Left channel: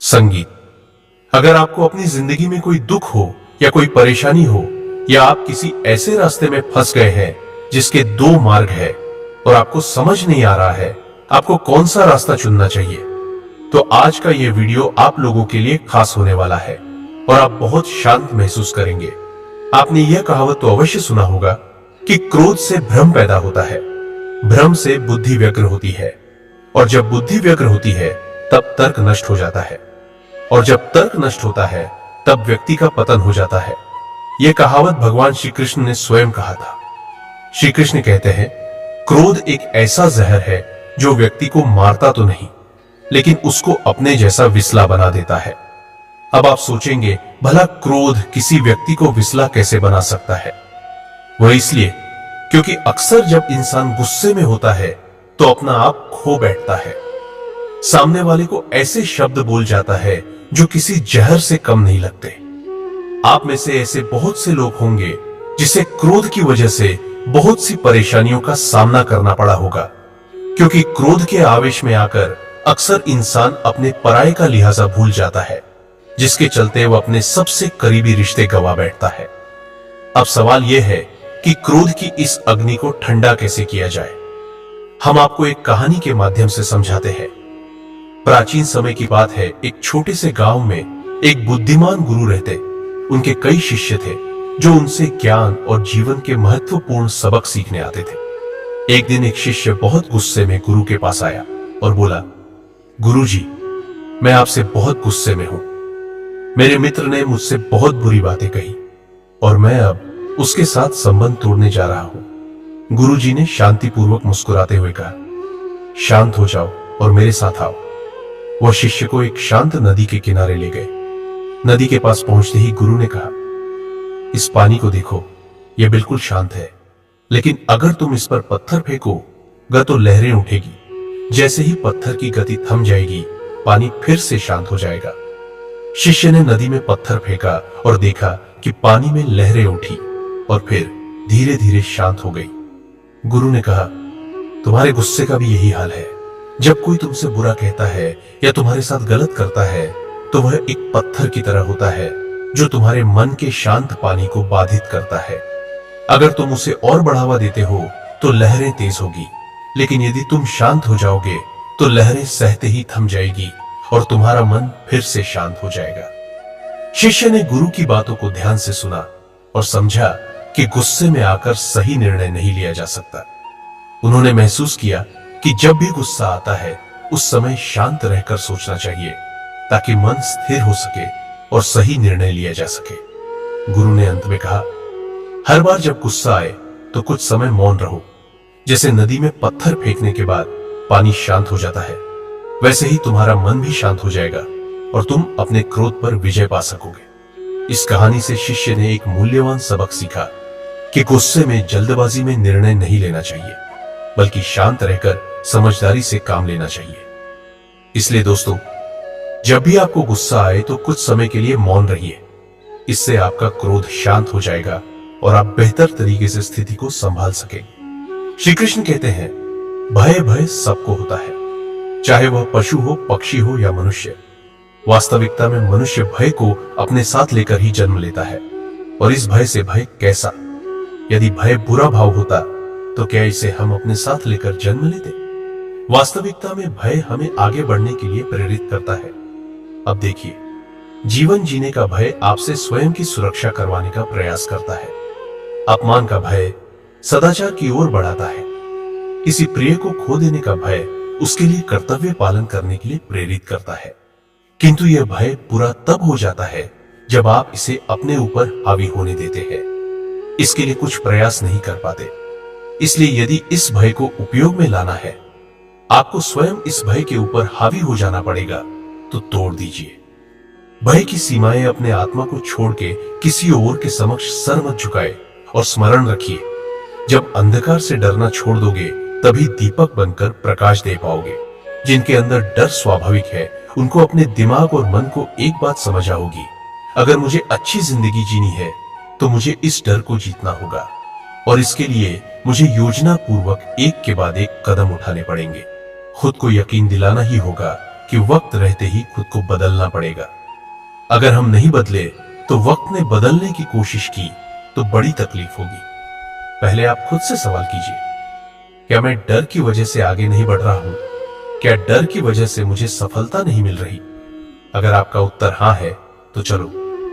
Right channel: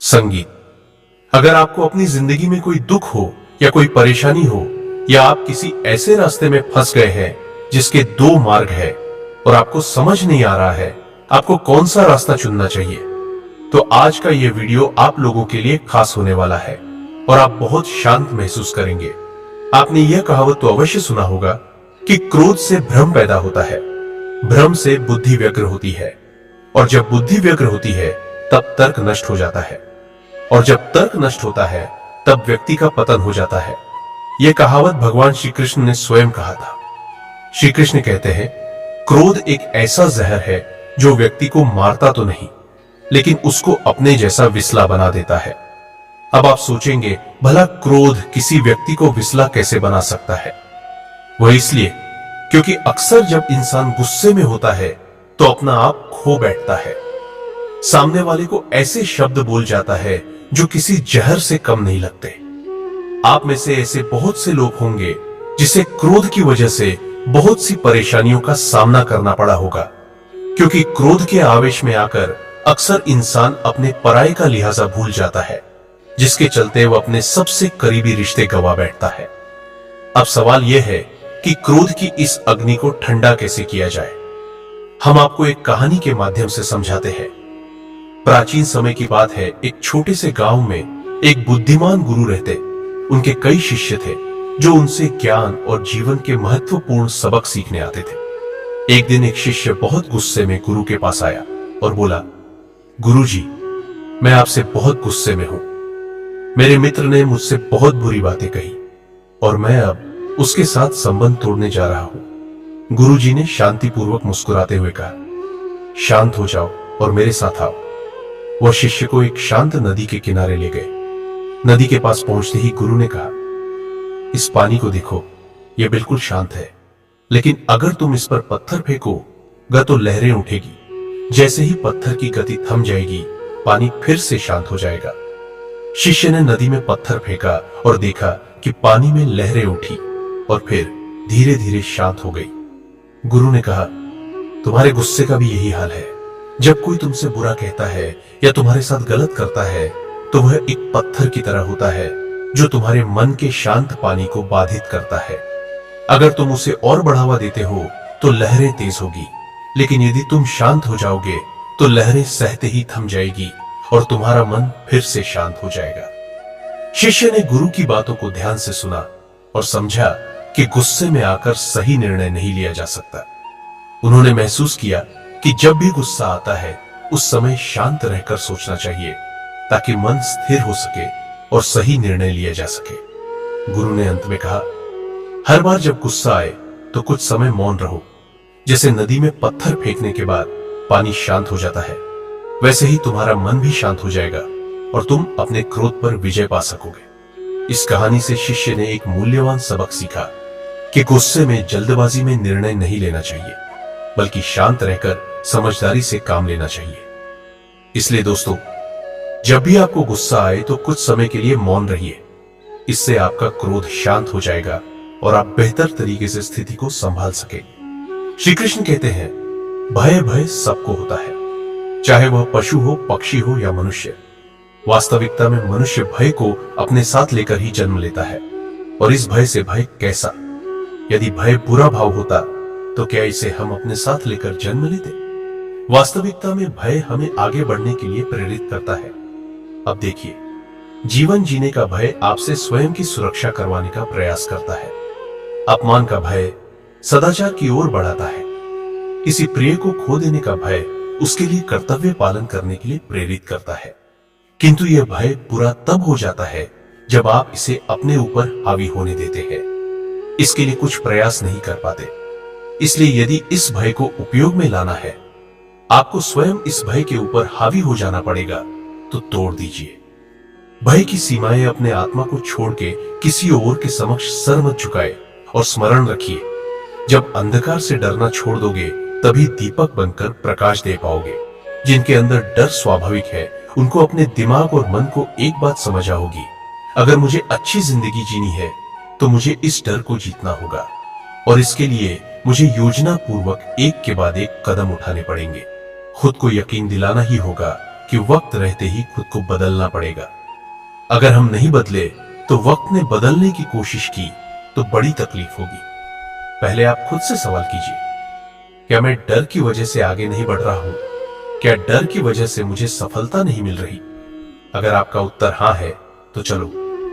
संगीत। अगर आपको अपनी जिंदगी में कोई दुख हो या कोई परेशानी हो या आप किसी ऐसे रास्ते में फंस गए हैं जिसके दो मार्ग है और आपको समझ नहीं आ रहा है आपको कौन सा रास्ता चुनना चाहिए, तो आज का यह वीडियो आप लोगों के लिए खास होने वाला है और आप बहुत शांत महसूस करेंगे। आपने यह कहावत तो अवश्य सुना होगा कि क्रोध से भ्रम पैदा होता है, भ्रम से बुद्धि व्यग्र होती है और जब बुद्धि व्यग्र होती है तब तर्क नष्ट हो जाता है और जब तर्क नष्ट होता है तब व्यक्ति का पतन हो जाता है। यह कहावत भगवान श्री कृष्ण ने स्वयं कहा था। श्री कृष्ण कहते हैं, क्रोध एक ऐसा जहर है जो व्यक्ति को मारता तो नहीं लेकिन उसको अपने जैसा विसला बना देता है। अब आप सोचेंगे, भला क्रोध किसी व्यक्ति को विसला कैसे बना सकता है? वह इसलिए क्योंकि अक्सर जब इंसान गुस्से में होता है तो अपना आप खो बैठता है, सामने वाले को ऐसे शब्द बोल जाता है जो किसी जहर से कम नहीं लगते। आप में से ऐसे बहुत से लोग होंगे जिसे क्रोध की वजह से बहुत सी परेशानियों का सामना करना पड़ा होगा, क्योंकि क्रोध के आवेश में आकर अक्सर इंसान अपने पराये का लिहाजा भूल जाता है, जिसके चलते वह अपने सबसे करीबी रिश्ते गंवा बैठता है। अब सवाल यह है कि क्रोध की इस अग्नि को ठंडा कैसे किया जाए। हम आपको एक कहानी के माध्यम से समझाते हैं। प्राचीन समय की बात है, एक छोटे से गांव में एक बुद्धिमान गुरु रहते। उनके कई शिष्य थे जो उनसे ज्ञान और जीवन के महत्वपूर्ण सबक सीखने आते थे। एक दिन एक शिष्य बहुत गुस्से में गुरु के पास आया और बोला, गुरुजी, मैं आपसे बहुत गुस्से में हूं। मेरे मित्र ने मुझसे बहुत बुरी बातें कही और मैं अब उसके साथ संबंध तोड़ने जा रहा हूं। गुरुजी ने शांतिपूर्वक मुस्कुराते हुए कहा, शांत हो जाओ और मेरे साथ आओ। वह शिष्य को एक शांत नदी के किनारे ले गए। नदी के पास पहुंचते ही गुरु ने कहा, इस पानी को देखो, यह बिल्कुल शांत है, लेकिन अगर तुम इस पर पत्थर फेंकोगे तो लहरें उठेगी। जैसे ही पत्थर की गति थम जाएगी, पानी फिर से शांत हो जाएगा। शिष्य ने नदी में पत्थर फेंका और देखा कि पानी में लहरें उठी और फिर धीरे धीरे शांत हो गई। गुरु ने कहा, तुम्हारे गुस्से का भी यही हाल है। जब कोई तुमसे बुरा कहता है या तुम्हारे साथ गलत करता है तो वह एक पत्थर की तरह होता है जो तुम्हारे मन के शांत पानी को बाधित करता है। अगर तुम उसे और बढ़ावा देते हो तो लहरें तेज होगी, लेकिन यदि तुम शांत हो जाओगे तो लहरें सहते ही थम जाएगी और तुम्हारा मन फिर से शांत हो जाएगा। शिष्य ने गुरु की बातों को ध्यान से सुना और समझा कि गुस्से में आकर सही निर्णय नहीं लिया जा सकता। उन्होंने महसूस किया कि जब भी गुस्सा आता है उस समय शांत रहकर सोचना चाहिए ताकि मन स्थिर हो सके और सही निर्णय लिया जा सके। गुरु ने अंत में कहा, हर बार जब गुस्सा आए तो कुछ समय मौन रहो। जैसे नदी में पत्थर फेंकने के बाद पानी शांत हो जाता है, वैसे ही तुम्हारा मन भी शांत हो जाएगा और तुम अपने क्रोध पर विजय पा सकोगे। इस कहानी से शिष्य ने एक मूल्यवान सबक सीखा कि गुस्से में जल्दबाजी में निर्णय नहीं लेना चाहिए, बल्कि शांत रहकर समझदारी से काम लेना चाहिए। इसलिए दोस्तों, जब भी आपको गुस्सा आए तो कुछ समय के लिए मौन रहिए। इससे आपका क्रोध शांत हो जाएगा और आप बेहतर तरीके से स्थिति को संभाल सकेंगे। श्री कृष्ण कहते हैं, भय भय सबको होता है, चाहे वह पशु हो, पक्षी हो या मनुष्य। वास्तविकता में मनुष्य भय को अपने साथ लेकर ही जन्म लेता है। और इस भय से भय कैसा? यदि भय बुरा भाव होता तो क्या इसे हम अपने साथ लेकर जन्म लेते? वास्तविकता में भय हमें आगे बढ़ने के लिए प्रेरित करता है। अब देखिए, जीवन जीने का भय आपसे स्वयं की सुरक्षा करवाने का प्रयास करता है। अपमान का भय सदाचार की ओर बढ़ाता है। किसी प्रिय को खो देने का भय उसके लिए कर्तव्य पालन करने के लिए प्रेरित करता है। किंतु यह भय बुरा तब हो जाता है जब आप इसे अपने ऊपर हावी होने देते हैं, इसके लिए कुछ प्रयास नहीं कर पाते। इसलिए यदि इस भय को उपयोग में लाना है, आपको स्वयं इस भय के ऊपर हावी हो जाना पड़ेगा, तो तोड़ दीजिए। भय की सीमाएं अपने आत्मा को छोड़ के किसी और के समक्ष सर मत झुकाए और स्मरण रखिए, जब अंधकार से डरना छोड़ दोगे तभी दीपक बनकर प्रकाश दे पाओगे। जिनके अंदर डर स्वाभाविक है उनको अपने दिमाग और मन को एक बात समझ आओगी, अगर मुझे अच्छी जिंदगी जीनी है तो मुझे इस डर को जीतना होगा और इसके लिए मुझे योजना पूर्वक एक के बाद एक कदम उठाने पड़ेंगे। खुद को यकीन दिलाना ही होगा कि वक्त रहते ही खुद को बदलना पड़ेगा। अगर हम नहीं बदले तो वक्त ने बदलने की कोशिश की तो बड़ी तकलीफ होगी। पहले आप खुद से सवाल कीजिए, क्या मैं डर की वजह से आगे नहीं बढ़ रहा हूं? क्या डर की वजह से मुझे सफलता नहीं मिल रही? अगर आपका उत्तर हां है तो चलो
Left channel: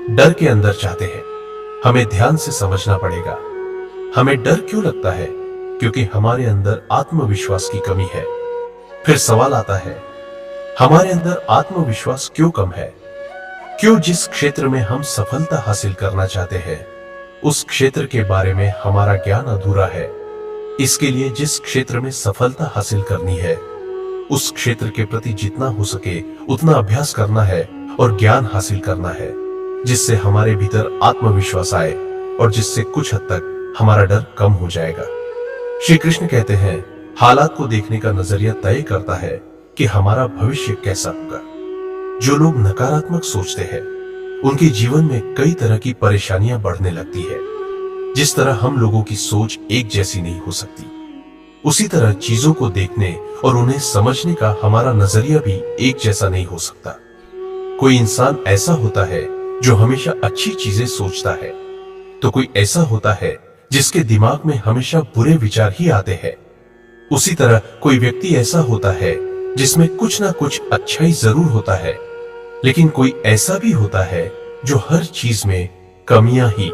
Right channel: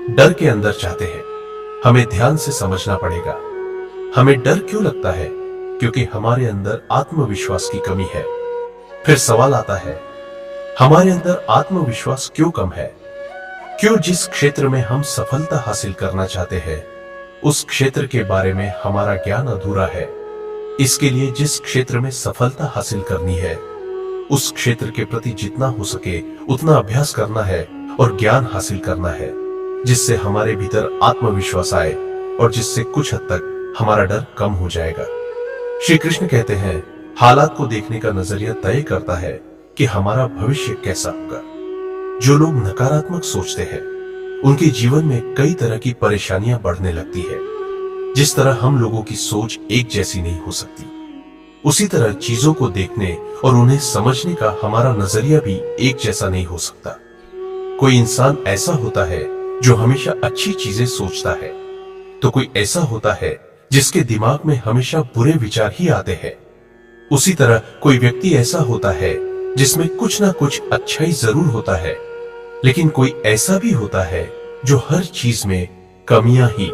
डर के अंदर चाहते हैं। हमें ध्यान से समझना पड़ेगा। हमें डर क्यों लगता है? क्योंकि हमारे अंदर आत्मविश्वास की कमी है। फिर सवाल आता है, हमारे अंदर आत्मविश्वास क्यों कम है? क्यों जिस क्षेत्र में हम सफलता हासिल करना चाहते हैं उस क्षेत्र के बारे में हमारा ज्ञान अधूरा है। इसके लिए जिस क्षेत्र में सफलता हासिल करनी है उस क्षेत्र के प्रति जितना हो सके उतना अभ्यास करना है और ज्ञान हासिल करना है, जिससे हमारे भीतर आत्मविश्वास आए और जिससे कुछ हद तक हमारा डर कम हो जाएगा। श्री कृष्ण कहते हैं, हालात को देखने का नजरिया तय करता है कि हमारा भविष्य कैसा होगा। जो लोग नकारात्मक सोचते हैं उनके जीवन में कई तरह की परेशानियां बढ़ने लगती है। जिस तरह हम लोगों की सोच एक जैसी नहीं हो सकती, उसी तरह चीजों को देखने और उन्हें समझने का हमारा नजरिया भी एक जैसा नहीं हो सकता। कोई इंसान ऐसा होता है जो हमेशा अच्छी चीजें सोचता है, तो कोई ऐसा होता है जिसके दिमाग में हमेशा बुरे विचार ही आते हैं। उसी तरह कोई व्यक्ति ऐसा होता है जिसमें कुछ ना कुछ अच्छाई जरूर होता है, लेकिन कोई ऐसा भी होता है जो हर चीज में कमियां ही